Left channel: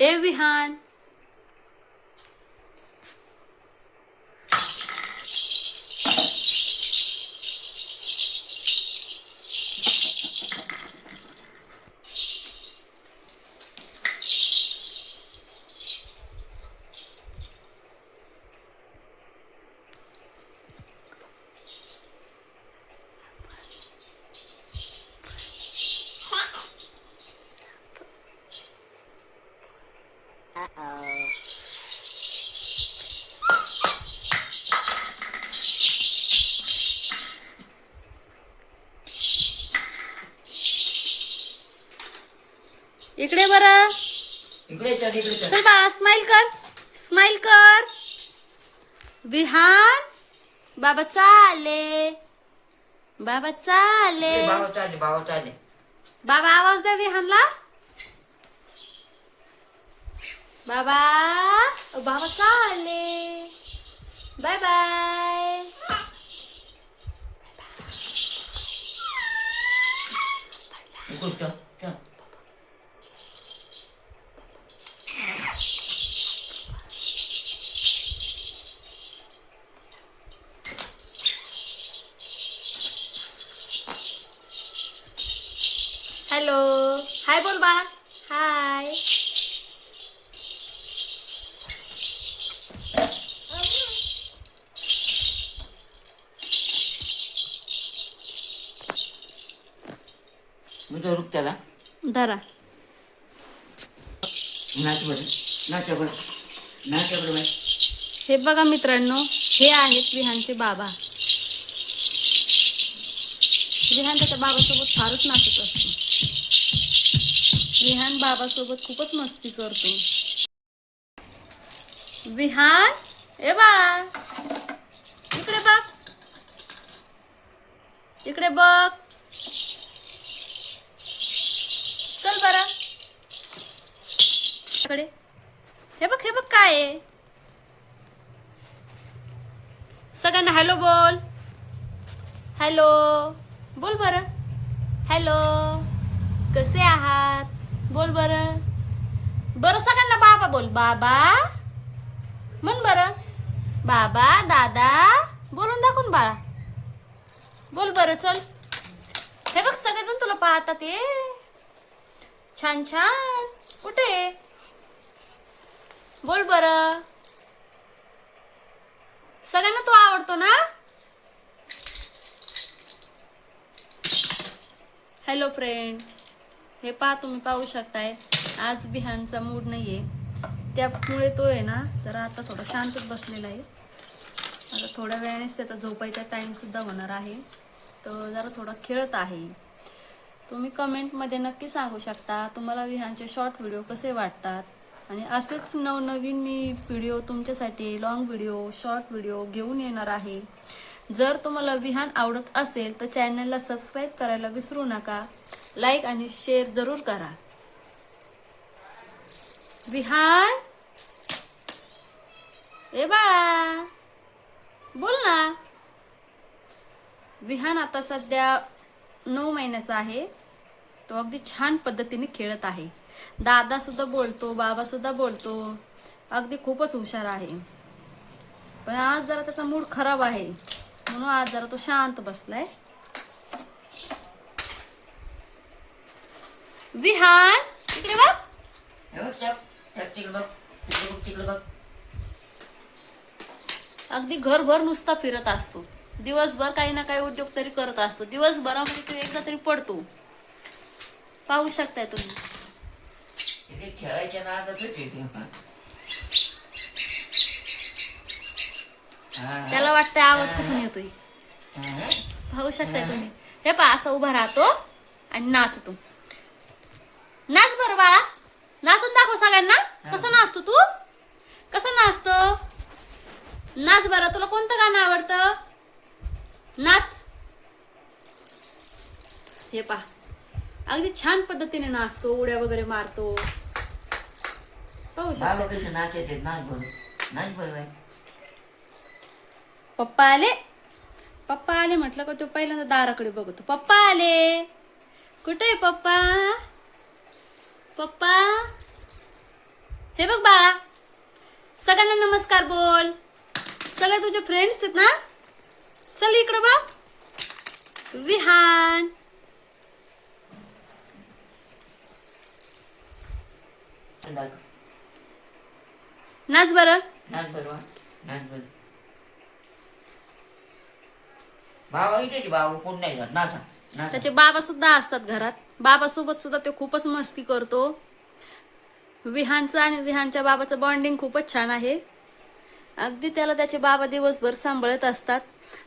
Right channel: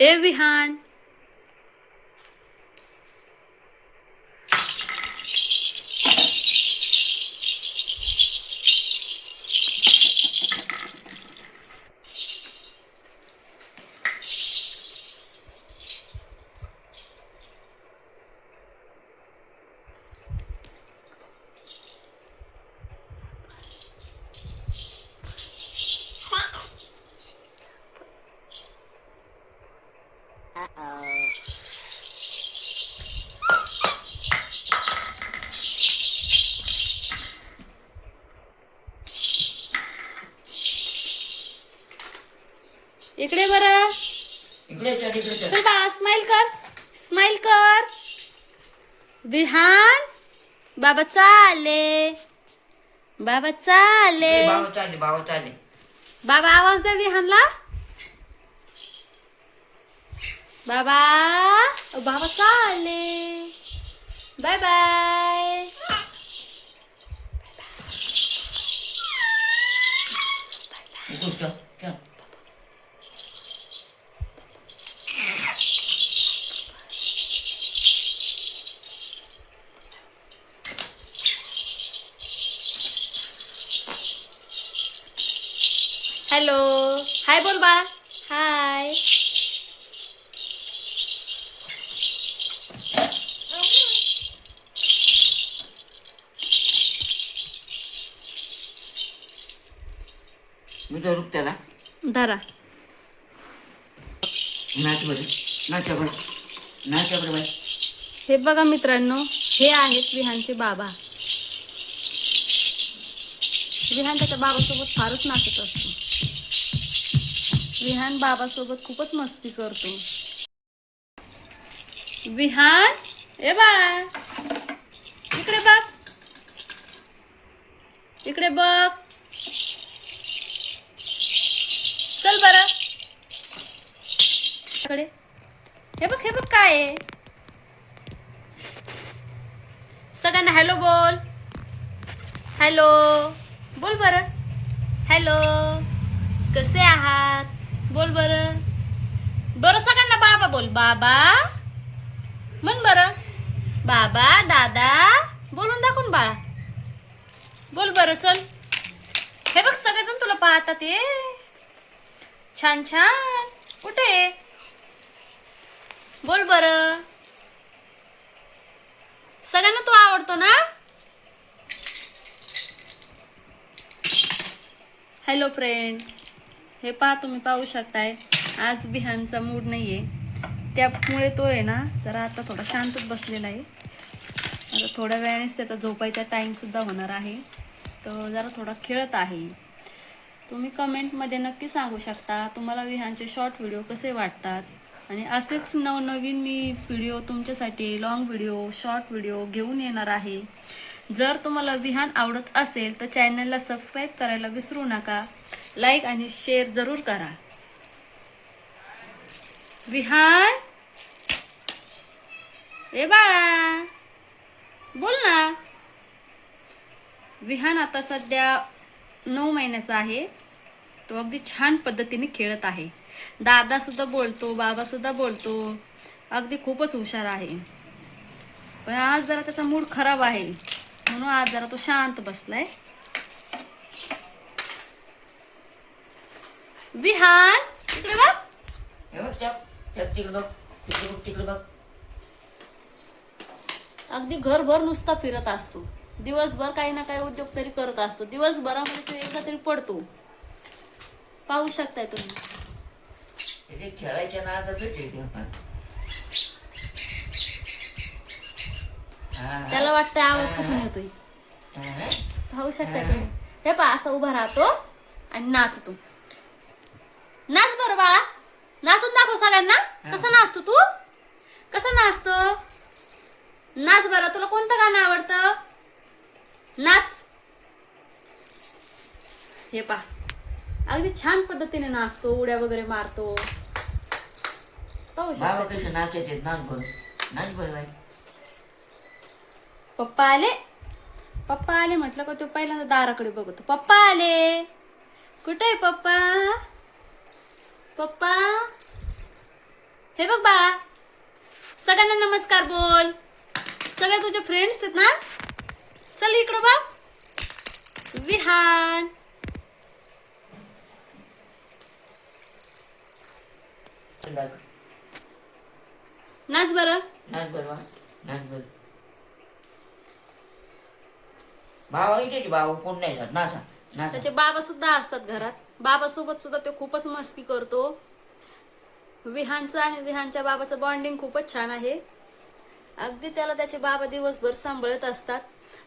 ए विहान, इकडे बरं. चल बाळा, स्माइल कर, स्माइल कर. विहान, बाबा चाले, बाबा चाले. बाबा आवाज दे विहानला. बाबा, बाबा चाले. Bye bye. हॅलो, हाय बोल बाळा. हाय. त्याला धरा. हे बघा मित्रांनो, हे आहेत विहानचे बाबा. विहान त्याच्या बाबासोबत फारच नाचत असतो. विहान बाबासोबत खूपच मस्ती करतो. विहान, ए बाळा, इकडे बघ, इकडे बघ. चल बरं इकडे. हे बघ, हे बघ काय आहे. सगळ्यांना हॅलो बोल. हॅलो बोल बरं. हॅलो, कसे आहात बोल बरं. बरं सगळ्यांना बाबा बोल. बाबा म्हण बरं. बाबा, दादा बोलून दाखवून बाळा. बोल बरं. चल, हे बघ सगळेजण तुला पाहतात. ये छान छान. कुठे बोल बरं. सगळ्यांना तू आवडतो ना. हॅलो फ्रेंड, हे पहा, तुम्ही पाहू शकताय आज विहानचा मूड नाहीये, त्यामुळे तो आहे ना जरा आता थोडा शांतच बसलेला आहे. आता थोड्या वेळानेच त्याचा झोपायचा टाइम सुद्धा होणार आहे, तो जरा थोडा खेळत आहे. तुम्ही कमेंटमध्ये नक्की सांगू शकता तुम्हाला विहानचे शॉर्ट व्हिडिओ कसे वाटतात, आणि असेच नवनवीन मी व्हिडिओ तुमच्यासाठी लॉंग व्हिडिओ, शॉर्ट व्हिडिओ घेऊन येणार आहे. जर तुम्हाला विहान आवडत असेल तर चॅनलला सबस्क्राईब करायला विसरू नका. लाईक आणि शेअर जरूर करा. विहान, ए बाळा बोल ना. विहान आता सध्या 9 महिन्याचा आहे. तो अगदी छान पद्धतीने खेळत आहे. दादा सुद्धा बोलतो, बाबा सुद्धा बोलतो. अगदी खूपच हुशार आहे. पण आज जरा त्याचा मूड खराब आहे, म्हणून आज जरा तो शांत बसलाय. विहान, इकडे बघ. अगदी घरभर नुसता फिरत असतो. दिवसभर काही ना काही उद्योग तरी करत असतो. दिवसभरामध्ये तो एकदा तरी पडतो. पाहू शकताय तुम्ही. खेळायच्या त्याला वाटतंय आवाज कुठून येतोय. पाहू शकताय तुम्ही. हे पहा, असं उभा राहतो आणि नाचतो. नाच बरं बाळा, नाचून दाखव सगळ्यांना. कसं नाचतो तू, कसं नाचतो. नाच बरं. तुला कोणतं गाणं आवडतं, नाच. हे पहा, अगदी छान पद्धतीने नाचतो, उड्या वगैरे मारतो. पाहू शकतो. पप्पा आले, पप्पा आले म्हटलं का तो पहिल्यांदा दाराकडे बघतो. पप्पा आले. कुठे आहे पप्पा, पप्पा. हे बघ बाळा, सगळ्यांना नमस्कार बोल. सगळे तुझे फ्रेंड्स आहेत ना? चल इकडं बघ. विहान, नाच बरं. नाच बरं, नाच बरं. भावा इथे भाऊ कोण नाही जात, नाचा नाचा. त्याचे बाबा सुद्धा असतात घरात. बाबा सोबत सुद्धा तो खूपच मस्ती करतो. विहानचं आणि विहानच्या बाबाचं बॉन्डिंग खूपच छान आहे. अगदी त्याला त्याचे बाबा दिवसभर सांभाळत असतात.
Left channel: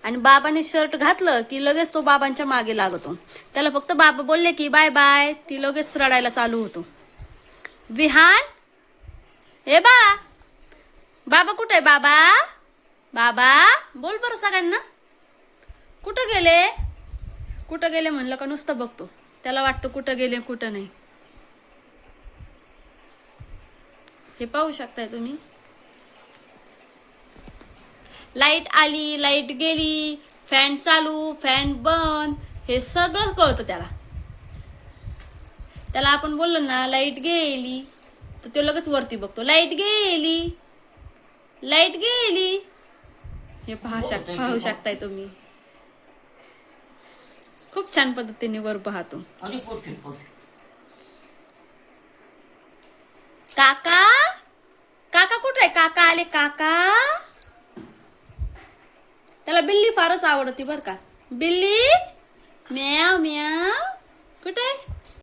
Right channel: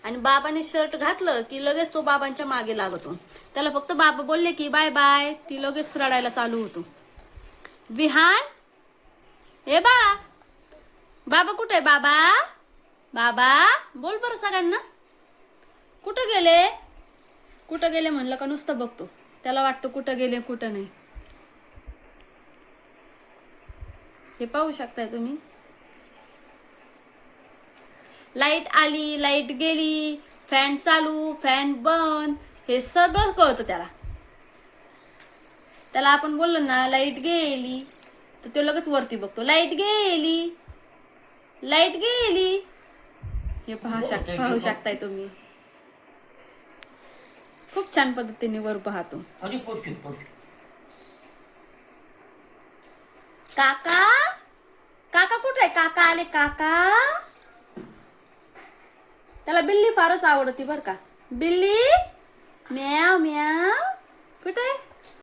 आणि बाबाने शर्ट घातलं की लगेच तो बाबांच्या मागे लागतो. त्याला फक्त बाबा बोलले की बाय बाय, ती लगेच रडायला चालू होतो. विहान, हे बाळा, बाबा कुठे आहे? बाबा, बाबा बोल बरं सगळ्यांना. कुठं गेले? कुठं गेले म्हणलं का नुसतं बघतो. त्याला वाटतं कुठं गेले कुठं नाही. हे पाहू शकताय तुम्ही. लाईट आली, लाईट गेली, फॅन चालू, फॅन बंद, हे सगळं कळतं त्याला. त्याला आपण बोललो ना लाईट गेली तर तो लगेच वरती बघतो. लाईट गेली, लाईट गेली. हे पाहू शकताय तुम्ही. खूप छान पद्धतीने वर पाहतो. अरे पोट पोट. काका, काका कुठे आहे? काका आले. काका, त्याला बिल्ली फारच आवडती बर का. बिल्ली, म्याव म्याव. कुठे?